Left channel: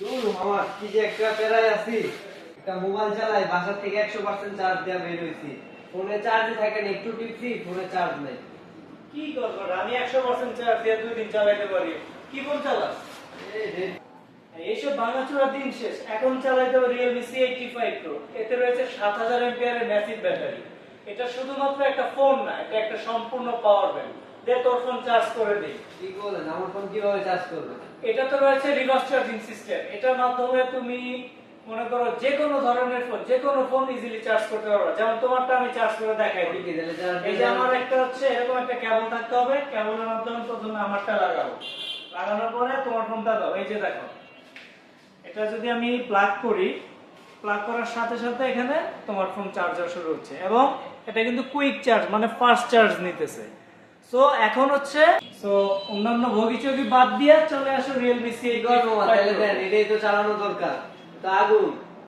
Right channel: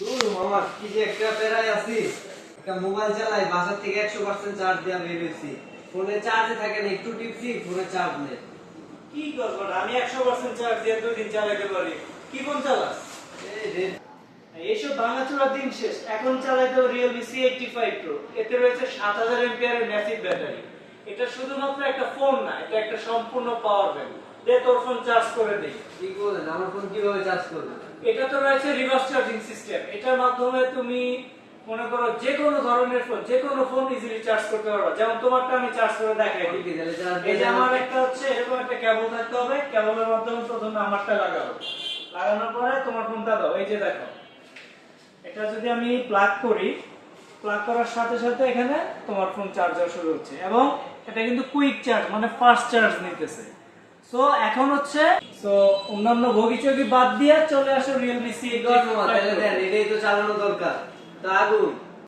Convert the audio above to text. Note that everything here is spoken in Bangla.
দূর মামা কি যে একটা প্যারায় আছি, একটা মোবাইল চালাই, বাসা থেকে 100% চার্জ দেওয়া বের হইছি, ফোনে চার্জে থাকে না, একটু টিপছি ফোনে চার্জ নেই। কি করবো আমি 100% চার্জ দিয়ে 2 দিন চালাইতে পারি। কি ফোন চালাস? এইসব ভাঙাচোরা দিন শেষ। এখন চালাইতে Realme C85 Pro। এতে রয়েছে 7000 এর ম্যাসিভ ব্যাটারি। এটা শুধুমাত্র একটা ফোন না, এটা একটা সম্পূর্ণ পাওয়ার ব্যাংক। যে তোর ফোন চার্জ করে দেই। কি বলেন, আমার ফোন কিভাবে চার্জ করবে? এটা তো রয়েছে রিভার্স চার্জিং সিস্টেম। এটার মাধ্যমে তুমি মনে করো যে কোনো ধরনের ফোন, যে কোনো ফোন ইজিলি চার্জ করতে পারবে। যেমন তোমারটা আমি চার্জ করে দেখাই দিই। কি দিলে চার্জ? এই যে আমার একটা হচ্ছে এরকম একটা কেবল থাকতে হবে, কেবলের মাধ্যমে প্রথমে আমারটা লাগাবো, লাগানোর পরে তোমার ফোনটা দাও। এই যে দেখো, এটা যদি আমি প্লাগ করি, প্লাগ করার সাথে সাথে এখানে তোমার ফোন চার্জ হওয়া শুরু হচ্ছে এবং এটা কিন্তু কুইক চার্জ মানে ফাস্ট চার্জ নিতেছে। সো এখন হচ্ছে অন্যান্য ভোগিচোগি বাদ দিয়ে চলে আসো Realme কি করবো মামা, তাহলে দেন, এটাই তো চালানো দরকার। তা আগুন